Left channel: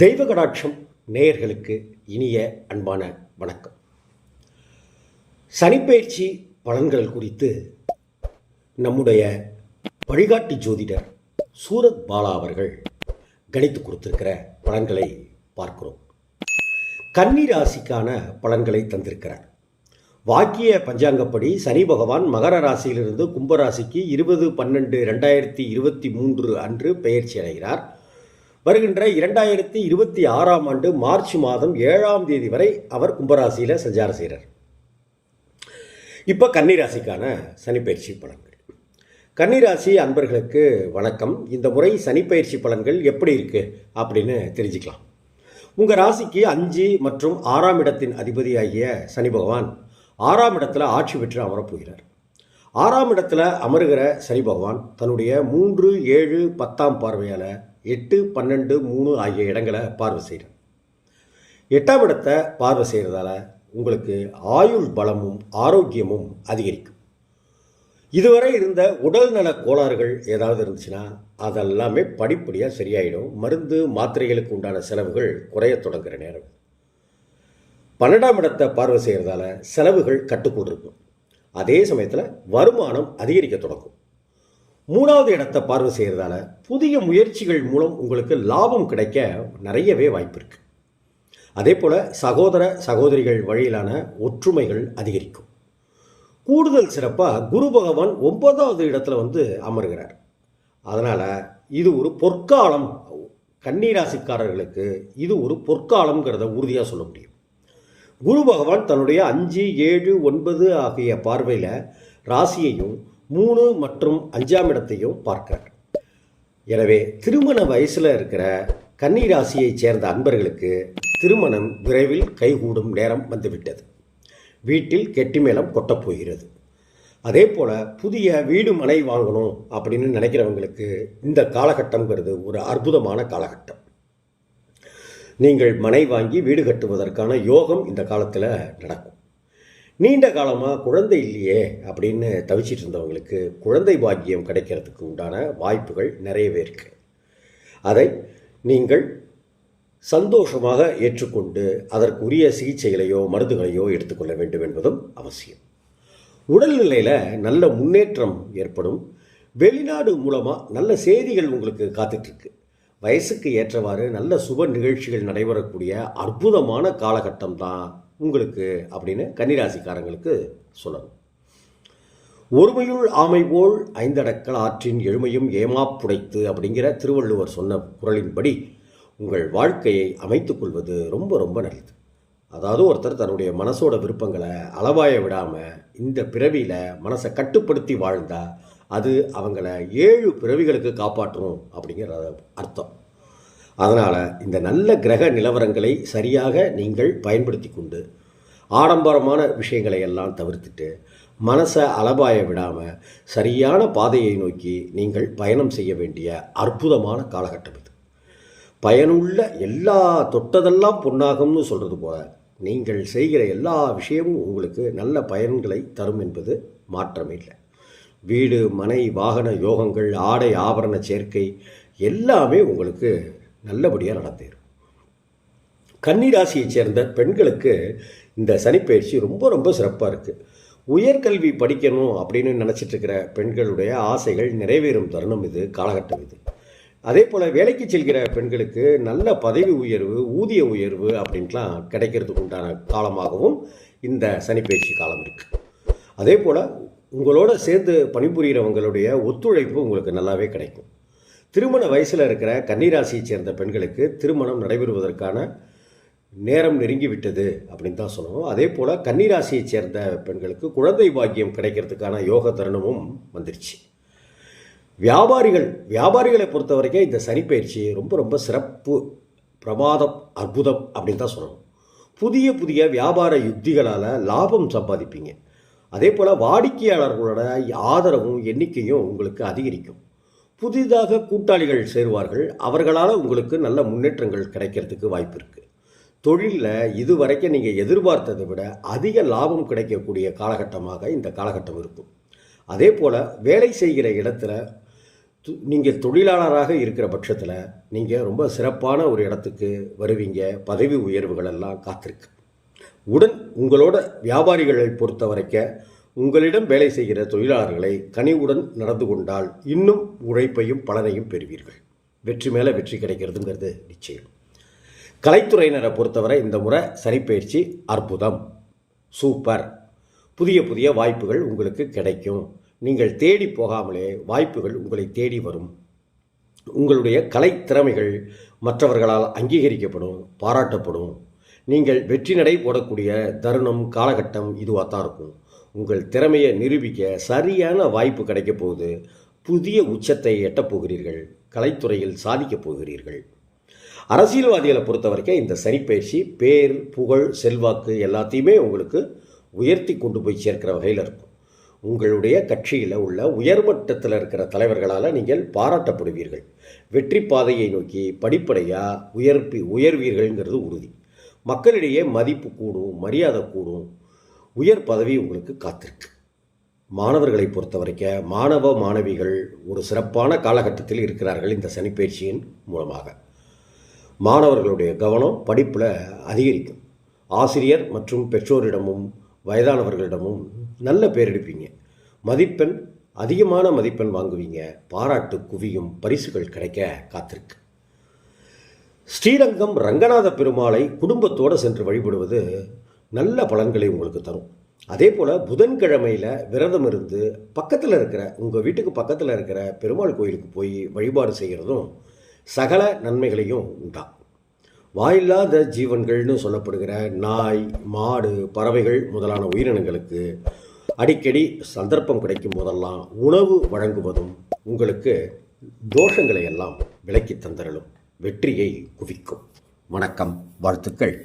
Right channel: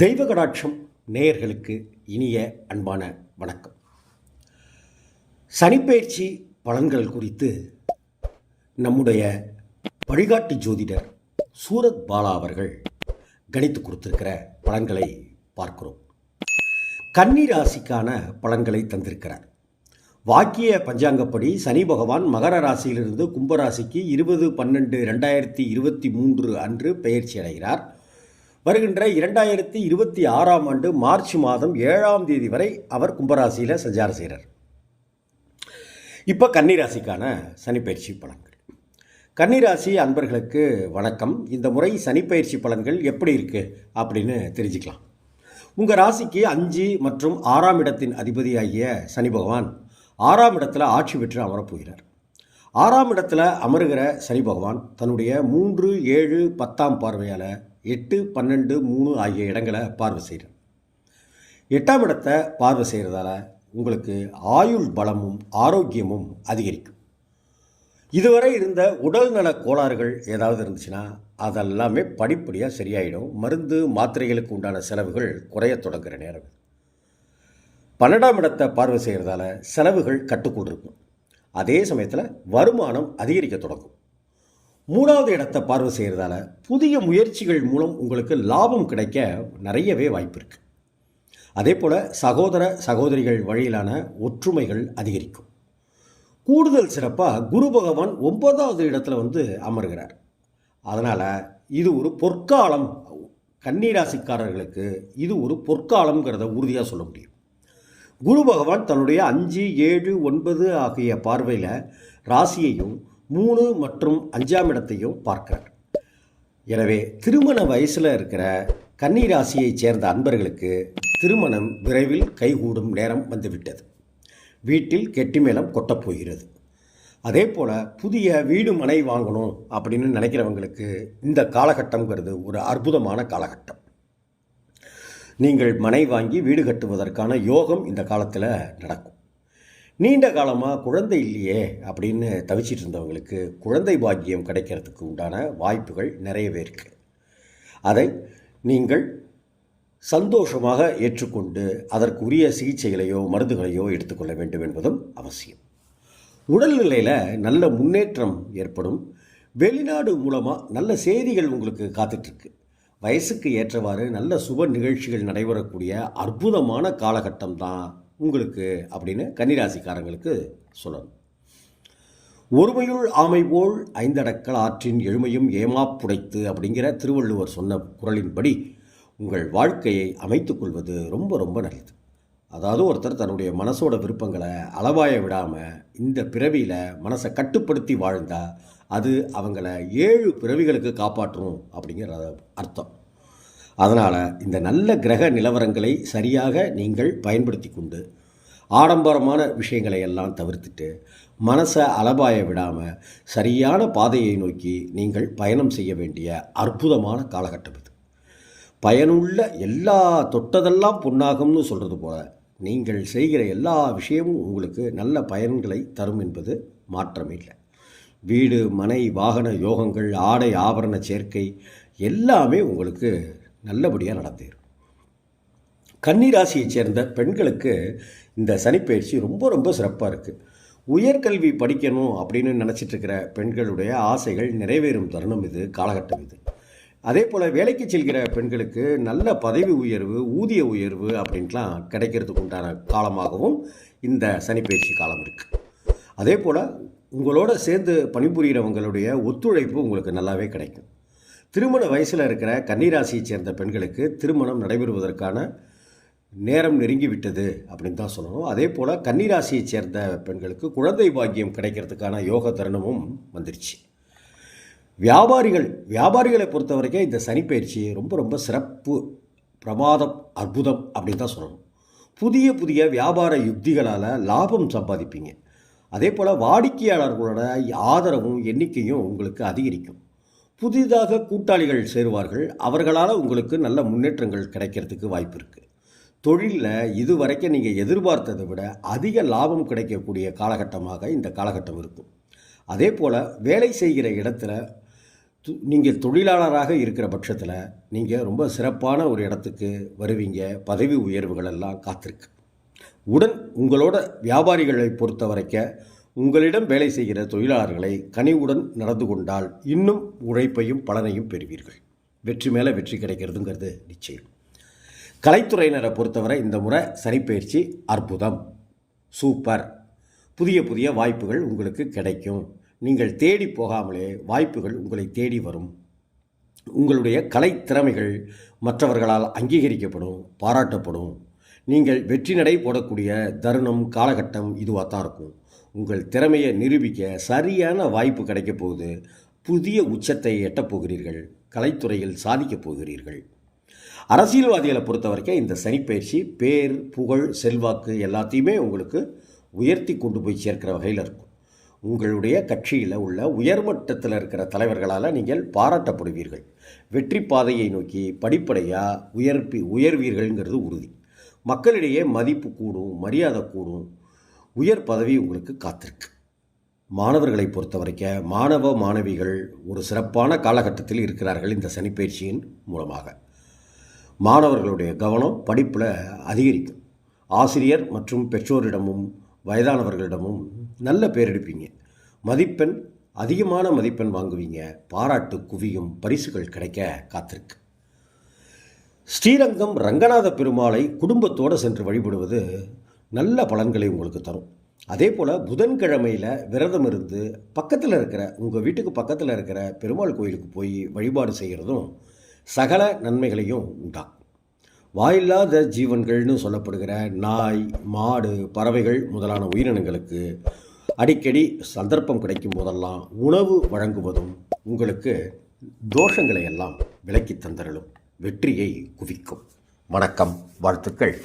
தெய்வ கடாட்சம் நேயர்களுக்கு இனிய அன்பான வணக்கம். சனிப்பெயர்ச்சி பலன்கள் குறித்து நம்முடைய வழிகாட்டி ஜோதிடர் சூரத் பாலா அவர்கள் கணித்து கொடுத்திருக்கிற பலன்களை பார்க்கிறோம். கன்னி ராசிக்கான பலன்களை தந்திருக்கிறார். வாக்கிய பஞ்சாங்கப்படி சனி பகவான் மகர ராசியிலிருந்து கும்பராசிக்கு 20/12/2023 அன்று பெயர்ச்சி அடைகிறார். வருகின்ற 2026ஆம் ஆண்டு மார்ச் மாதம் 7ஆம் தேதி வரை அவர் கும்பராசியில் சஞ்சாரம் செய்கிறார். இப்போ கன்னிராசிக்கான சனிப்பயிற்சி பலன்கள். கன்னிராசி அன்பர்களுக்கு வணக்கம். இந்த முறை சனிப்பயிற்சி பலன்கள் எப்படி இருக்குது அப்படின்னு தெரிஞ்சுக்கலாம். உங்கள் ராசிக்கு 5 மற்றும் 6ஆம் இடத்தின் அதிபதியாகிய சனி பகவான் 6ஆம் இடத்துல ஆட்சி பெற்று அமரப்போகிறார். 6ஆம் இடத்துல அமருகிற சனி பகவான் தன்னுடைய 3, 7, 10ஆம் பார்வையால் 8, 12, 3 ஆகிய இடங்களை பார்வை செய்கிறார். 8ஆம் இடத்தை பார்வை செய்கிறதால உங்களுக்கு ஆயுள் பலமும் ஆரோக்கியமும் அதிகரிக்கும். இதுவரை இருந்த உடல்நல கோளாறுகள் ஏதாவது இருந்துச்சுன்னா அதெல்லாமே படிப்படியாக சரியாயிடும். மருந்து மாத்திரைகளுக்கு உண்டான செலவுகள் குறைய தொடங்குகிற நேரம். 12ஆம் இடத்தை பார்வை செய்கிறதால செலவுகள் கட்டுக்குள் இருக்கும். அதே சமயத்தில் வருமானம் அதிகரிக்க தொடங்கும். 3ஆவது இடத்தை பார்வை செய்கிறதால புதிய முயற்சிகள் மூலம் உங்களுக்கு லாபம் கிடைக்க நிறையவே வாய்ப்பு இருக்குது. அதே போல் சகோதர சகோதரிகள் வழியிலான ஒற்றுமைகள் அதிகரிக்கும். கூடுதல் சிறப்பாக குரு பகவான் 9ஆவது இடத்துல அமர்கிறார். அதனால் இது ஒரு பொற்காலம். கன்னிராசிக்காரர்களுக்கு இது ஒரு பொற்காலம்ங்கிறத உறுதியாக சொல்ல முடியும். குரு பகவான் தன்னுடைய 5, 7, 9 ஆகிய பார்வையில் ராசியையும் 3 மற்றும் 5ஆம் இடத்தையும் பார்க்கிறார். எனவே திருமண வயசில் இருக்கிற கன்னிராசியைச் சேர்ந்த அன்பர்களுக்கு திருமணம் விரைவில் கைகூடும் நேரம் வந்துவிட்டது. வீட்டில் கெட்டிமேளம் கொட்டப்போகிறது. அதே போல் புதிய வீடு மனை வாங்கணும் அப்படின்னு நினைக்கிறவங்களுக்கு இந்த காலகட்டங்கிறது ஒரு அற்புதமான காலகட்டம். நீங்கள் மனை வாங்கி வீடு கட்டுவதற்கான யோகம் இந்த காலத்தில் நடக்கும். நீண்ட காலமாக குழந்தை இல்லையே அப்படின்னு தவிச்சிட்டு இருந்தவங்களுக்கு குழந்தை பாக்கியம் கிடைக்கிறதுக்கு உண்டான வாய்ப்புகள் நிறையவே இருக்குது. அதை நீங்கள் சந்தோஷமாக ஏற்றுக்கொண்டு அதற்குரிய சிகிச்சைகளையோ மருந்துகளையோ எடுத்துக்கொள்ள வேண்டும் என்பதும் அவசியம். உடல்நிலையில் நல்ல முன்னேற்றம் ஏற்படும். வெளிநாடு மூலமாக நல்ல செய்திகள் உங்களுக்கு காத்துட்ருக்கு. வயசுக்கு ஏற்றவாறு நல்ல சுப நிகழ்ச்சிகள் நடைபெறக்கூடிய அற்புதமான காலகட்டம் தான் உங்களுக்கு அப்படின்னு கன்னிராசிக்காரங்களுக்கு சொல்லணும். ஒருமையுள் ஆமை போல் 5 அடக்கல் ஆற்றின் எழுமையும் ஏமாப்புடைத்து அப்படிங்கிற திருவள்ளுவர் சொன்ன குறளின்படி உங்கள் வாழ்க்கையை அமைத்துக் கொள்வது ரொம்ப ரொம்ப நல்லது. அதாவது ஒருத்தர் தன்னுடைய மனசோட விருப்பங்களை அளவாய விடாமல் இந்த பிறவியில் மனசை கட்டுப்படுத்தி வாழ்ந்தால் அது அவங்கள 7 பிறவிகளுக்கு காப்பாற்றும் அப்படிங்கிற அர்த்தம். அதனால் இந்த நல்ல கிரக நிலவரங்களை சரியாக நீங்கள் பயன்படுத்தி கொண்டு ஆடம்பரமான விஷயங்களை எல்லாம் தவிர்த்துட்டு மனசை அலபாய விடாமல் சரியான பாதையை நோக்கி நீங்கள் பயணம் செய்ய வேண்டிய அற்புதமான காலகட்டம் இது. பயனுள்ள எல்லா தொட்டதெல்லாம் பொன்னாகும்னு சொல்கிறது போல நீங்கள் செய்கிற எல்லா விஷயமும் உங்களுக்கு நல்ல பயன்களை தரும் என்பது மாற்றமே இல்லை. வீடு மனை வாகன யோகங்கள் ஆடை ஆபரண சேர்க்கை எல்லாமே உங்களுக்கு நல்லபடியாக நடந்தேரும். கன்னிராசியைச் சேர்ந்த பெண்களுக்கு இந்த சனிப்பெயர்ச்சி ரொம்ப ரொம்ப சிறப்பாக இருக்குது. உயர்கல்வி படிக்கணும் அப்படின்னு நினச்சிட்ருக்கிற பெண்களுடைய ஆசைகள் நிறைவேறும் தருணம் இது, காலகட்டம் இது. அதே போல் வேலைக்கு செல்கிற பெண்களுக்கு நல்ல பதவி உயர்வு ஊதிய உயர்வு அப்படின்ட்டுலாம் கிடைக்கிறதுக்கு உண்டான காலமாகவும் இந்த சனிப்பெயர்ச்சி காலம் இருக்குது. அதே போல் உங்களோட சேர்ந்து பணிபுரிகிறவங்களுடைய ஒத்துழைப்பு உங்களுக்கு நல்லாவே கிடைக்கும். திருமண வயசில் இருக்கிற கன்னிராசியைச் சேர்ந்த பெண்களுக்கு திருமணம் நடைபெறுவதற்கான நேரம் நெருங்கிவிட்டது அப்படின்னு தான் சொல்லணும். அதே போல் கன்னிராசியைச் சேர்ந்த பெண்களுக்கு குழந்தை பாக்கியம் கிடைக்கிறதுக்கான யோக தருணமும் வந்துருச்சு. வியாபாரிகளை பொறுத்த வரைக்கும் இந்த சனிப்பெயர்ச்சி ரொம்ப ரொம்ப சிறப்பு, பிரமாதம், அற்புதம் அப்படின்னு தான் சொல்லணும். புதிய புதிய வியாபார யுக்திகளால் லாபம் சம்பாதிப்பீங்க. அதே போல் வாடிக்கையாளர்களோட ஆதரவும் எண்ணிக்கையும் உங்களுக்கு அதிகரிக்கும். புதிதாக கூட்டாளிகள் சேருவார்கள். அவர்களால் உங்களுக்கு நல்ல முன்னேற்றங்கள் கிடைக்கிறதுக்கு வாய்ப்பு இருக்குது. தொழிலில் இதுவரைக்கும் நீங்கள் எதிர்பார்த்ததை விட அதிக லாபம் கிடைக்கக்கூடிய காலகட்டமாக இந்த காலகட்டம் இருக்கும். அதே போல் வேலை செய்கிற இடத்துல நீங்கள் தொழிலாளராக இருக்கிற பட்சத்தில் நீங்கள் ரொம்ப சிறப்பான ஒரு இடத்துக்கு வருவீங்க. பதவி உயர்வுகள் எல்லாம் காத்திருக்கு. உங்களோட வியாபாரிகளை பொறுத்த வரைக்கும் உங்களிடம் வேலை செய்கிற தொழிலாளர்களை கனிவுடன் நடந்து கொண்டால் இன்னும் உழைப்பையும் பலனையும் பெறுவீர்கள். வெற்றி மேலே வெற்றி கிடைக்கிறதுங்கிறது நிச்சயம். கலைத்துறையினரை பொறுத்தவரை இந்த முறை சனிப்பெயர்ச்சி அற்புதம், சூப்பர். புதிய புதிய வாய்ப்புகள் உங்களுக்கு கிடைக்கும். நீங்கள் தேடி போகாமலே வாய்ப்புகள் உங்களை தேடி வரும். உங்களுடைய கலை திறமைகள் மற்றவர்களால் அங்கீகரிக்கப்படும், பாராட்டப்படும். நீங்கள் வெற்றி நடை போடக்கூடிய தருணம், காலகட்டம் இதுவாக தான் இருக்கும். உங்கள் திறமையை நிரூபிக்க சரியான வாய்ப்பு கிடைக்கப் போகுது. புதிய உச்சத்தை எட்டப் போகிறீர்கள். கலைத்துறையில் சாதிக்கப் போகிறீர்கள். அரசியல்வாதிகளை பொறுத்த வரைக்கும் இந்த சனிப்பெயர்ச்சி பேர், புகழ், செல்வாக்கு எல்லாத்தையுமே உங்களுக்கு உயர்த்தி கொண்டு போய் சேர்க்கிற வகையில் இருக்கும். உங்களுடைய கட்சியில் உள்ள உயர்மட்டத்தில் இருக்கிற தலைவர்களால் நீங்கள் பாராட்டப்படுவீர்கள். வெற்றி பாதையை நோக்கி படிப்படியாக உயர்வீர்கள்ங்கிறது உறுதி. மக்களிடையே மதிப்பு கூடும், மரியாதை கூடும், உயர் பதவி உங்களுக்கு காத்திருக்கு. மாணவர்களை பொறுத்த வரைக்கும் மாணவ மாணவிகள் ஒரு சிறப்பான காலகட்டத்தில் இருக்கிறார்கள். இந்த சனிப்பெயர்ச்சியின் மூலமாக மாணவர்களுடைய கவனம் படிப்பில் அதிகரிக்கும். ஆசிரியர் மற்றும் பெற்றோரிடமும் வயதானவர்களிடமும் நல்ல பேர் எடுப்பீங்க. அதிகமான மதிப்பெண் வாங்குவீங்க. பாராட்டு குவியும், பரிசுகள் கிடைக்க காத்திருக்கு. ஸ்ரீரங்கம் ரங்கநாத பெருமாளை குடும்பத்தோடு சென்று வழிபடுவது நல்ல பலன்களை உங்களுக்கு தரும். அதே போல் புதன்கிழமையில் விரதம் இருந்து உங்கள் வீட்டுக்கு பக்கத்தில் இருக்கிற பெருமாள் கோயிலுக்கு போய் வழிபாடு செய்கிறதும் சகல நன்மைகளையும் உண்டாகும். வாயில்லாத ஜீவன்கள்னு சொல்லப்படுகிற நாய், மாடு, பறவைகள் முதலான உயிரினங்களுக்கு அடிக்கடி சந்தர்ப்பம் கிடைக்கும் போதெல்லாம் உணவு வழங்குவதும் உங்களுக்கு தோஷங்களை எல்லாம் விலக்கி தந்தரலும் வெற்றியை குவிக்கும். வணக்கம், வாழ்த்துக்கள்.